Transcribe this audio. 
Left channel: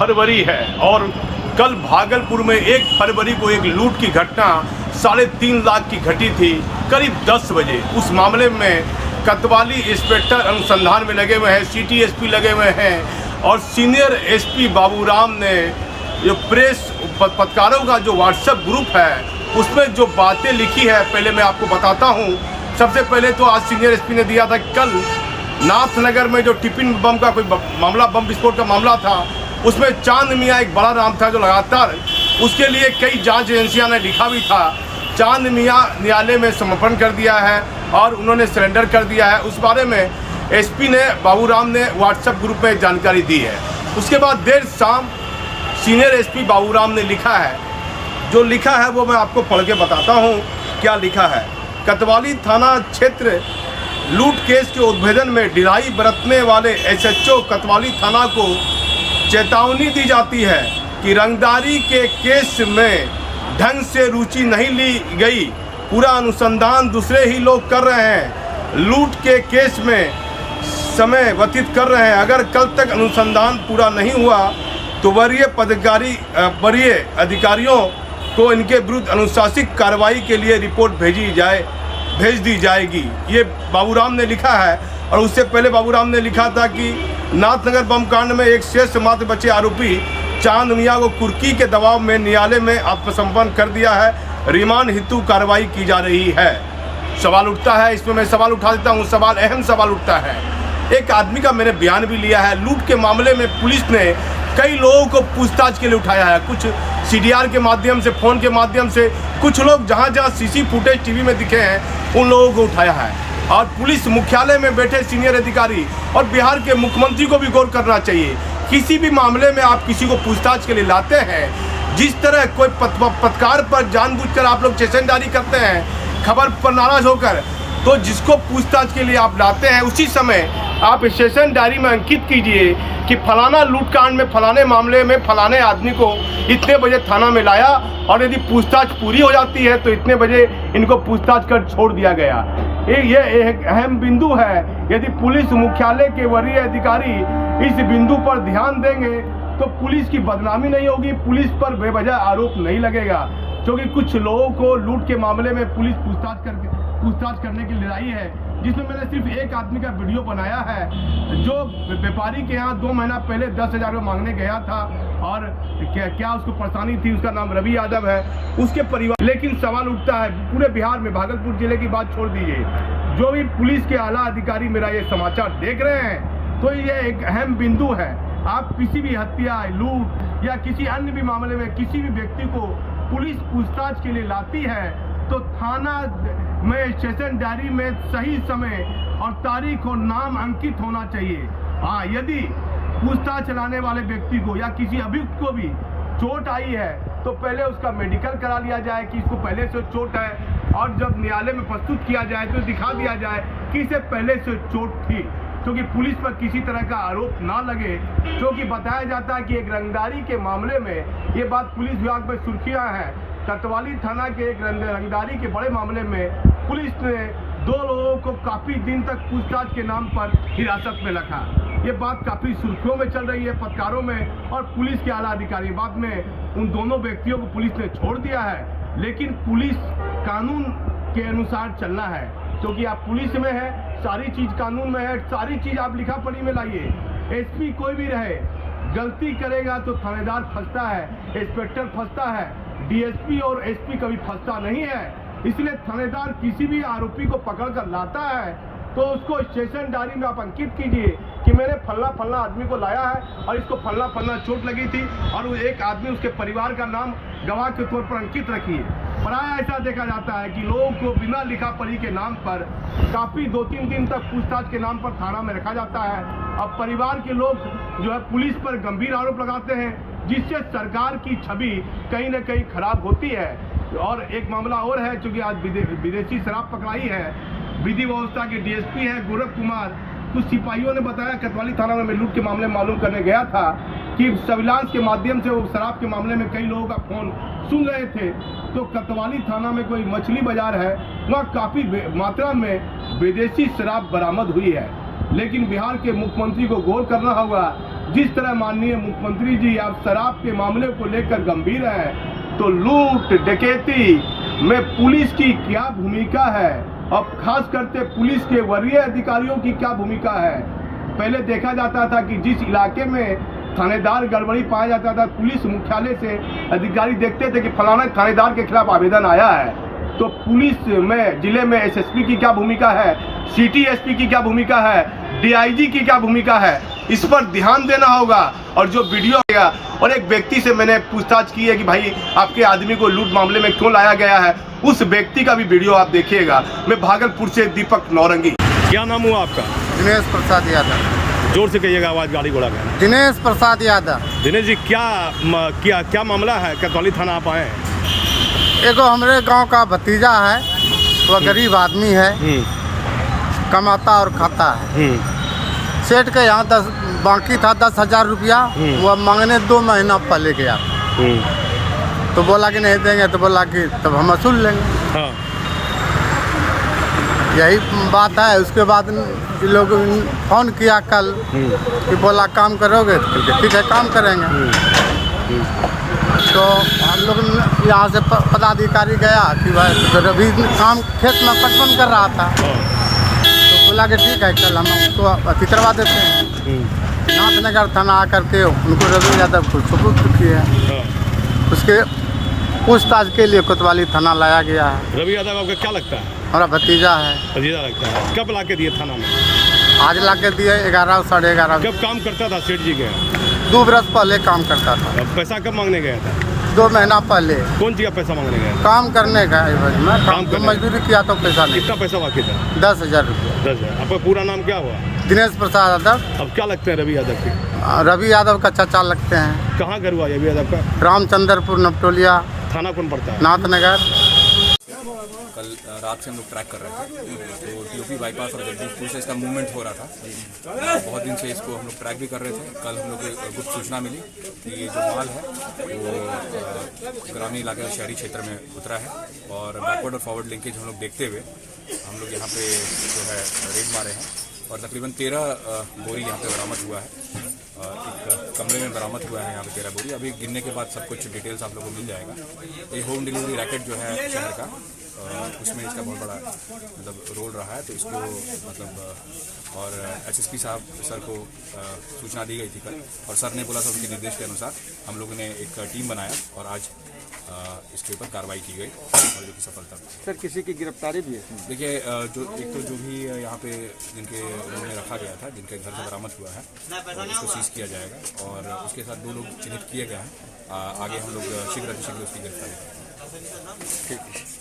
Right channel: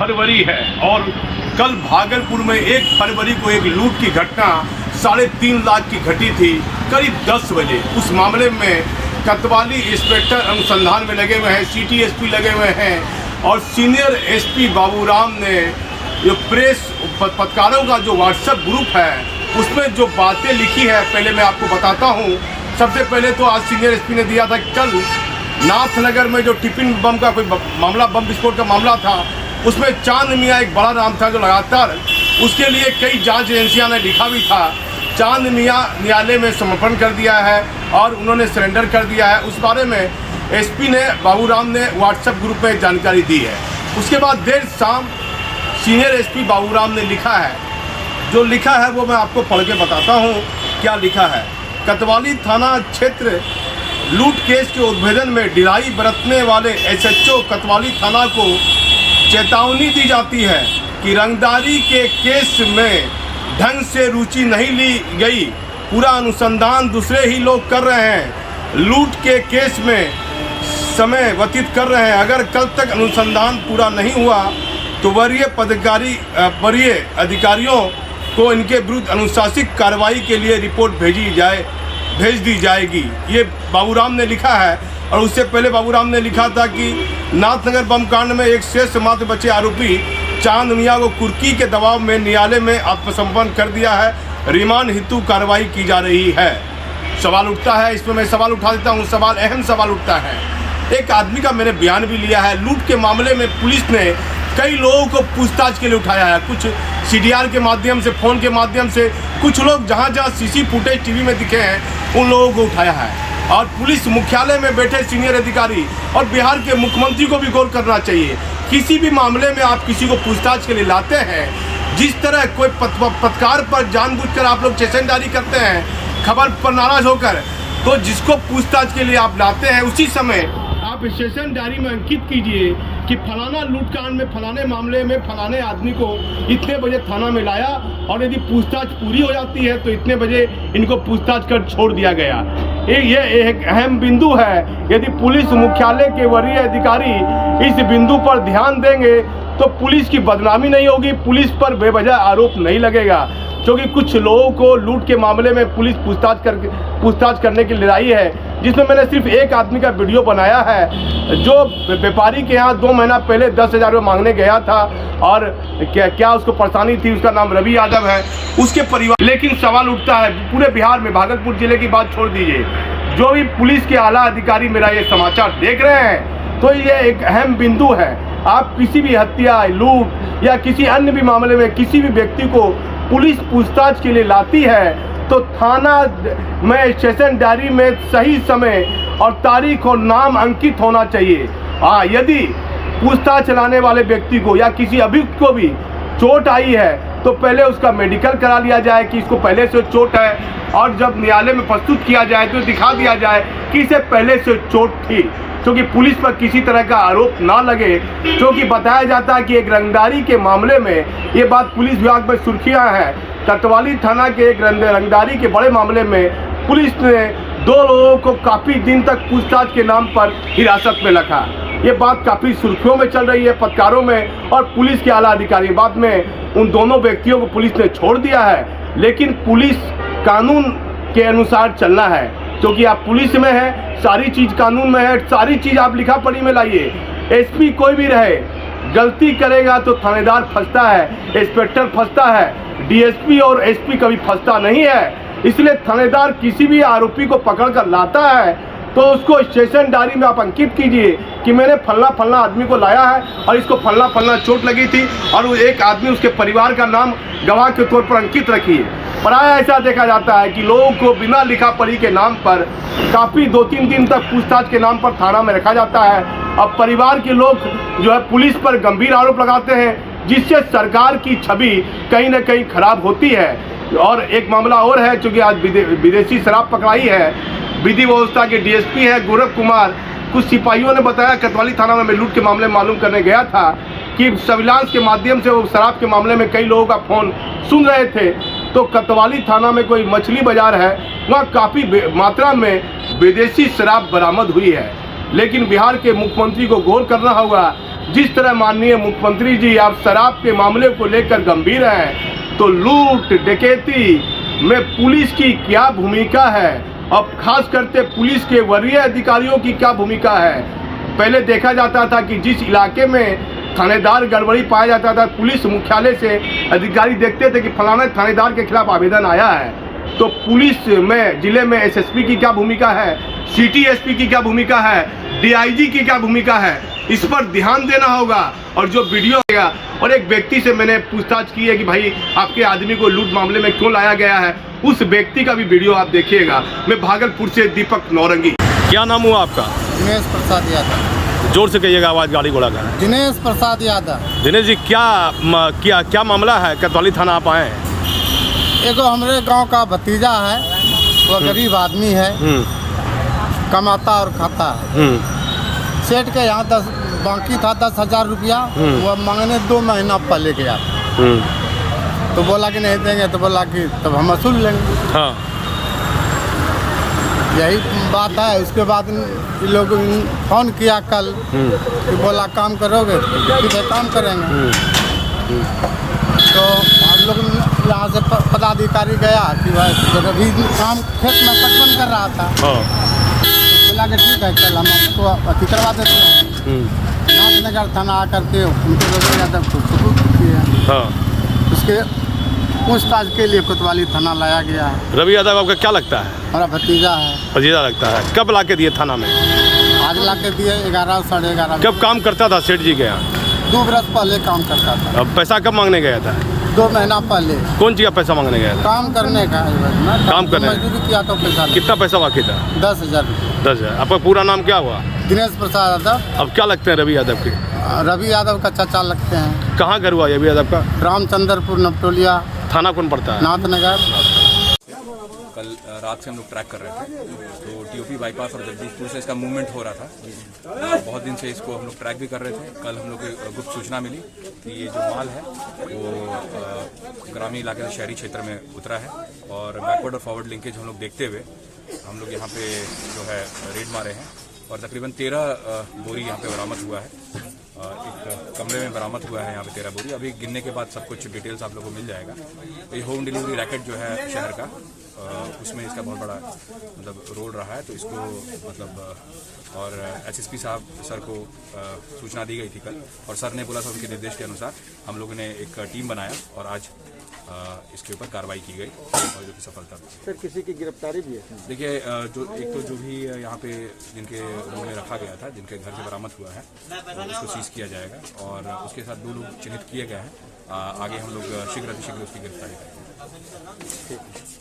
फरवरी है और कल भागलपुर में 1 फरवरी को एक लूट की घटना 3.5 लाख की घटी थी करीब 10 बजे। उस मामले में कोतवाली इंस्पेक्टर अनुसंधान में लगे हुए हैं, सिटी एसपी लगे हुए हैं और सीनियर एसपी बाबूराम ने जो प्रेस पत्रकारों का जो व्हाट्सएप ग्रुप है उसमें जो बातें लिखी है पहले मैं आपको बताता हूँ। सबसे पहले तो आज सीनियर एसपी ने दिया था कल नाथनगर में जो टिफिन बम का कोई मामला, बम विस्फोट का मामला था, उसमें चांद मियाँ एक बड़ा नाम था जो लगातार उसके लिए कई जांच एजेंसियां ने लिखा भी था। चांद मियाँ न्यायालय में समर्पण कर दिया है और उन्होंने सरेंडर कर दिया है। उस बारे में एसपी ने बाबूराम ने व्हाट्सएप ग्रुप में जानकारी दी है। उसके बाद देर शाम सीनियर एसपी बाबूराम ने लिखा है, जो लिखा है वो मैं आपको पढ़ के बताता हूँ क्या लिखा है। कोतवाली थाना क्षेत्र लूट केस के उद्भेदन में ढिलाई बरतने वाले एसएचओ कोतवाली थाना को चेतावनी दी जाती है कि रंगदारी के केस में ढंग से रुचि नहीं ली गई। पूरा अनुसंधान दूसरे ही लोग कर रहे हैं, लूट के केस में समय व्यतीत कर रहे हैं। अगर कल तक अनुसंधान पूरा नहीं हुआ तो वरीय अधिकारियों को इनके विरुद्ध अनुशासनिक कार्रवाई के लिए रिपोर्ट भेज दी जाएगी। ये बाबूराम ने लिखा है। और उससे पहले बाबूराम ने लिखा था कि नाथनगर बम कांड में एक शेष मात्र बचे आरोपी चांद मियाँ को कुर्की के दबाव में न्यायालय में आत्मसमर्पण कर दिया है, रिमांड हेतु कार्रवाई की जा रही है। सवाल उठता है, इसमें मैं सवाल उठा देता हूँ। सवाल अहम सवाल उठता है, एक आदमी का मैंने बयान भी लिया है। लूट के मामले में पुलिस ने कई लोगों को पूछताछ के लिए उठाया है, कुछ सीडीआर के माध्यम से, फ़ोन के माध्यम से, कुछ लोग जहाँ सीसी फुटेज टीवी में दिखे हैं उन लोगों को उठाया है। और पुलिस मुख्यालय में बैठे सीनियर अधिकारी और बिहार के मुख्यमंत्री को भी गौर करना चाहिए। किसी भी मामले में आप किसी को पूछताछ के लिए लाते हैं, जिस तरह कोई पत्रकार पर जानबूझकर आप लोग स्टेशनदारी करते हैं खबर पर नाराज होकर, तो जिसको पूछताछ के लिए आप लाते हैं उसी समय आप स्टेशन डायरी में अंकित कीजिए कि फलाना लूटकांड में, फलाने मामले में फलाने आदमी को इतने बजे थाना में लाया और यदि पूछताछ पूरी हो जाती है तो इतने बजे इनको पूछताछ कर छोड़ दिया गया। ये एक अहम बिंदु है। यदि पुलिस मुख्यालय के वरीय अधिकारी इस बिंदु पर ध्यान देंगे तो पुलिस की बदनामी नहीं होगी, पुलिस पर बेवजह आरोप नहीं लगेगा। क्योंकि कुछ लोगों को लूट के मामले में पुलिस पूछताछ करने के लिए लाई है, जिसमें मैंने सिर्फ एक आदमी का वीडियो बनाया है जो व्यापारी के यहाँ 2 महीना पहले 10,000 रुपये मांगने गया था और क्या उसको परेशानी थी। उसका नाम रवि यादव है, उसके परिवार। लेकिन सवाल उठता है पूरे बिहार में, भागलपुर जिले की बात छोड़ दीजिए, जो भी पुलिस के आला अधिकारी मेरा ये समाचार देख रहे हैं तो ये एक अहम बिंदु है। आप किसी भी हत्या, लूट या किसी अन्य भी मामले में किसी भी व्यक्ति को पुलिस पूछताछ के लिए लाती है तो थाना में स्टेशन डायरी में सही समय और तारीख और नाम अंकित होना चाहिए। हाँ, यदि पूछताछ चलाने वाले व्यक्ति को या किसी अभियुक्त को भी चोट आई है तो पहले उसका मेडिकल करा लिया जाए कि इसको पहले से चोट है, और जब न्यायालय में प्रस्तुत किया जाए तो दिखा दिया जाए कि इसे पहले से चोट थी, क्योंकि पुलिस पर किसी तरह का आरोप ना लगे। क्योंकि बताया जाता है कि एक रंगदारी के मामले में, ये बात पुलिस विभाग में सुर्खियां हैं, कोतवाली थाना के एक रंगदारी के बड़े मामले में पुलिस ने 2 लोगों को काफ़ी दिन तक पूछताछ के नाम पर हिरासत में रखा। ये बात काफ़ी सुर्खियों में चल रही है, पत्रकारों में और पुलिस के आला अधिकारी। बाद में उन दोनों व्यक्तियों को पुलिस ने छोड़ दिया है, लेकिन पुलिस कानून के अनुसार चलना है, क्योंकि आप पुलिस में हैं, सारी चीज़ कानून में है, सारी चीज़ आप लिखा पढ़ी में लाइए। एसपी कोई भी रहे, गलती करेगा तो थानेदार फंसता है, इंस्पेक्टर फंसता है, डीएसपी और एसपी कभी फंसता नहीं है। इसलिए थानेदार किसी भी आरोपी को पकड़ कर लाता है तो उसको स्टेशन डायरी में आप अंकित कीजिए कि मैंने फलना आदमी को लाया है और इसको फलना चोट लगी थी, और वो एक आदमी उसके परिवार का नाम गवाह के तौर पर अंकित रखिए। प्रायः ऐसा देखा जाता है कि लोगों को बिना लिखा पढ़ी के नाम पर काफ़ी 2-3 दिन तक पूछताछ के नाम पर थाना में रखा जाता है। अब परिवार के लोग जो है पुलिस पर गंभीर आरोप लगाते हैं, जिससे सरकार की छवि कहीं ना कहीं खराब होती है। और एक मामला और है, चूँकि आज विदेशी शराब पकड़ाई है, विधि व्यवस्था के डीएसपी है गौरव कुमार, कुछ सिपाहियों ने बताया कोतवाली थाना में लूट के मामले मालूम करने गया था कि सर्विलांस के माध्यम से वो शराब के मामले में कई लोगों का फ़ोन सुन रहे थे। तो कोतवाली थाना में कोई मछली बाज़ार है, वहाँ काफ़ी मात्रा में विदेशी शराब बरामद हुई है। लेकिन बिहार के मुख्यमंत्री को गौर करना होगा, जिस तरह माननीय मुख्यमंत्री जी आप शराब के मामले को लेकर गंभीर हैं, तो लूट डकैती में पुलिस की क्या भूमिका है, अब खास करके पुलिस के वरीय अधिकारियों की क्या भूमिका है। पहले देखा जाता था कि जिस इलाके में थानेदार गड़बड़ी पाया जाता था, पुलिस मुख्यालय से अधिकारी देखते थे कि फलाना थानेदार के खिलाफ आवेदन आया है, तो पुलिस में जिले में एसएसपी की क्या भूमिका है, सिटी एसपी की क्या भूमिका है, डीआईजी की क्या भूमिका है, इस पर ध्यान देना होगा। और जो वीडियो आएगा, और एक व्यक्ति से मैंने पूछताछ की है कि भाई आपके आदमी को लूट मामले में क्यों लाया गया है, उस व्यक्ति का भी वीडियो आप देखिएगा। मैं भागलपुर से दीपक नौरंगी। क्या नाम हुआ आपका? दिनेश प्रसाद यादव। जोर से कहिएगा, आवाज गाड़ी घोड़ा का है। दिनेश प्रसाद यादव। दिनेश जी, क्या मामला है? कोतवाली थाना आप आए हैं? एगो हमारे गांव का भतीजा है, वह गरीब आदमी है, कमाता और खाता है। सेठ के यहाँ बाकी था 10,000 रुपया, वह मांगने 2 महीना पहले गया था। तो बोला कि नहीं देंगे, तो बोला कि तब हम वसूल लेंगे। हाँ। यही बात है। उसके बाद ये लोग फोन किया कल कि बोला काम करोगे, तो ठीक है काम करेंगे। तो हम लोग यहाँ से पदाधिकारी गया कि भाई अभी काम खेत में पटवन कर रहा था, तो बोला कि ठीक है कल हम उसको अति करवा देते हैं। नाथनगर थाना आकर के उनको रवि यादव को सुपुर्द किया। उसके पूछताछ के लिए कोतवाली थाना लाया गया है। रवि यादव आपका क्या लगता है? हमारा भतीजा है। भतीजा लगता है। कब ला के दिए थाना में? आज ला के दिए 11 साढ़े 11। कब काम करता था सेठ जी के यहाँ? 2 बरस पहले काम करता था। अब पैसा कब मांगने गया था? 2 महीना पहले। कौन चीज का पैसा मांगने गया था? काम करने का में काम करने, मजदूरी किया तो पैसा नहीं। कितना पैसा बाकी था? 10,000 रुपया। 10,000। आपका पूरा नाम क्या हुआ? दिनेश प्रसाद यादव। अब क्या लगते हैं रवि यादव के? रवि यादव का चाचा लगते हैं। कहाँ घर हुआ रवि यादव का? रामचंद्रपुर नपटोलिया। थाना कौन पड़ता है? नाथनगर। कल रात से हम लोग ट्रैक कर रहे थे, तो टीओपी बाईपास और जगदीशपुर से इसका मूवमेंट हो रहा था। बहुत दिन से इसको हम लोग ट्रैक भी कर रहे थे। कल हम लोग को गुप्त सूचना मिली कि ये जो माल है वो ग्रामीण इलाके से शहरी क्षेत्र में उतरा है, और बैकवर्ड और फॉरवर्ड लिंकेज हम लोग देखते हुए हम लोग यहाँ पे जो है रेड मारे हैं, और तकरीबन 13 बोरी यहाँ पे बरामद हुआ है। एक कमरे में बरामद हुआ है यहाँ पे 13 बोरी। अभी गिनने के बाद सब कुछ डिटेल्स आप लोगों को मिल जाएगा। ये होम डिलीवरी रैकेट जो है शहर का, उसमें इसका बहुत बड़ा मतलब रोल रहा है। तो इसको मतलब और एसएसपी साहब सर को सूचना दी गई थी कल, और सर ने बोला था उनके निर्देश के अनुसार हम लोगों ने एक टीम बनाया और आज इसके ऊपर कार्रवाई की गई, और जो कि सफलता मिली। सर किसी की गिरफ्तारी भी है? देखिए, जो एक तो जो भी यहाँ पे जिनके रूम में रखा गया था, जिनके घर से बरामद हुआ है, तो उसको सीज किया जाएगा, और उसके साथ 2 लोग चिन्हित किए गए हैं। आगे हम लोग शीघ्र अतिशीघ्र उसकी गिरफ्तारी करेंगे।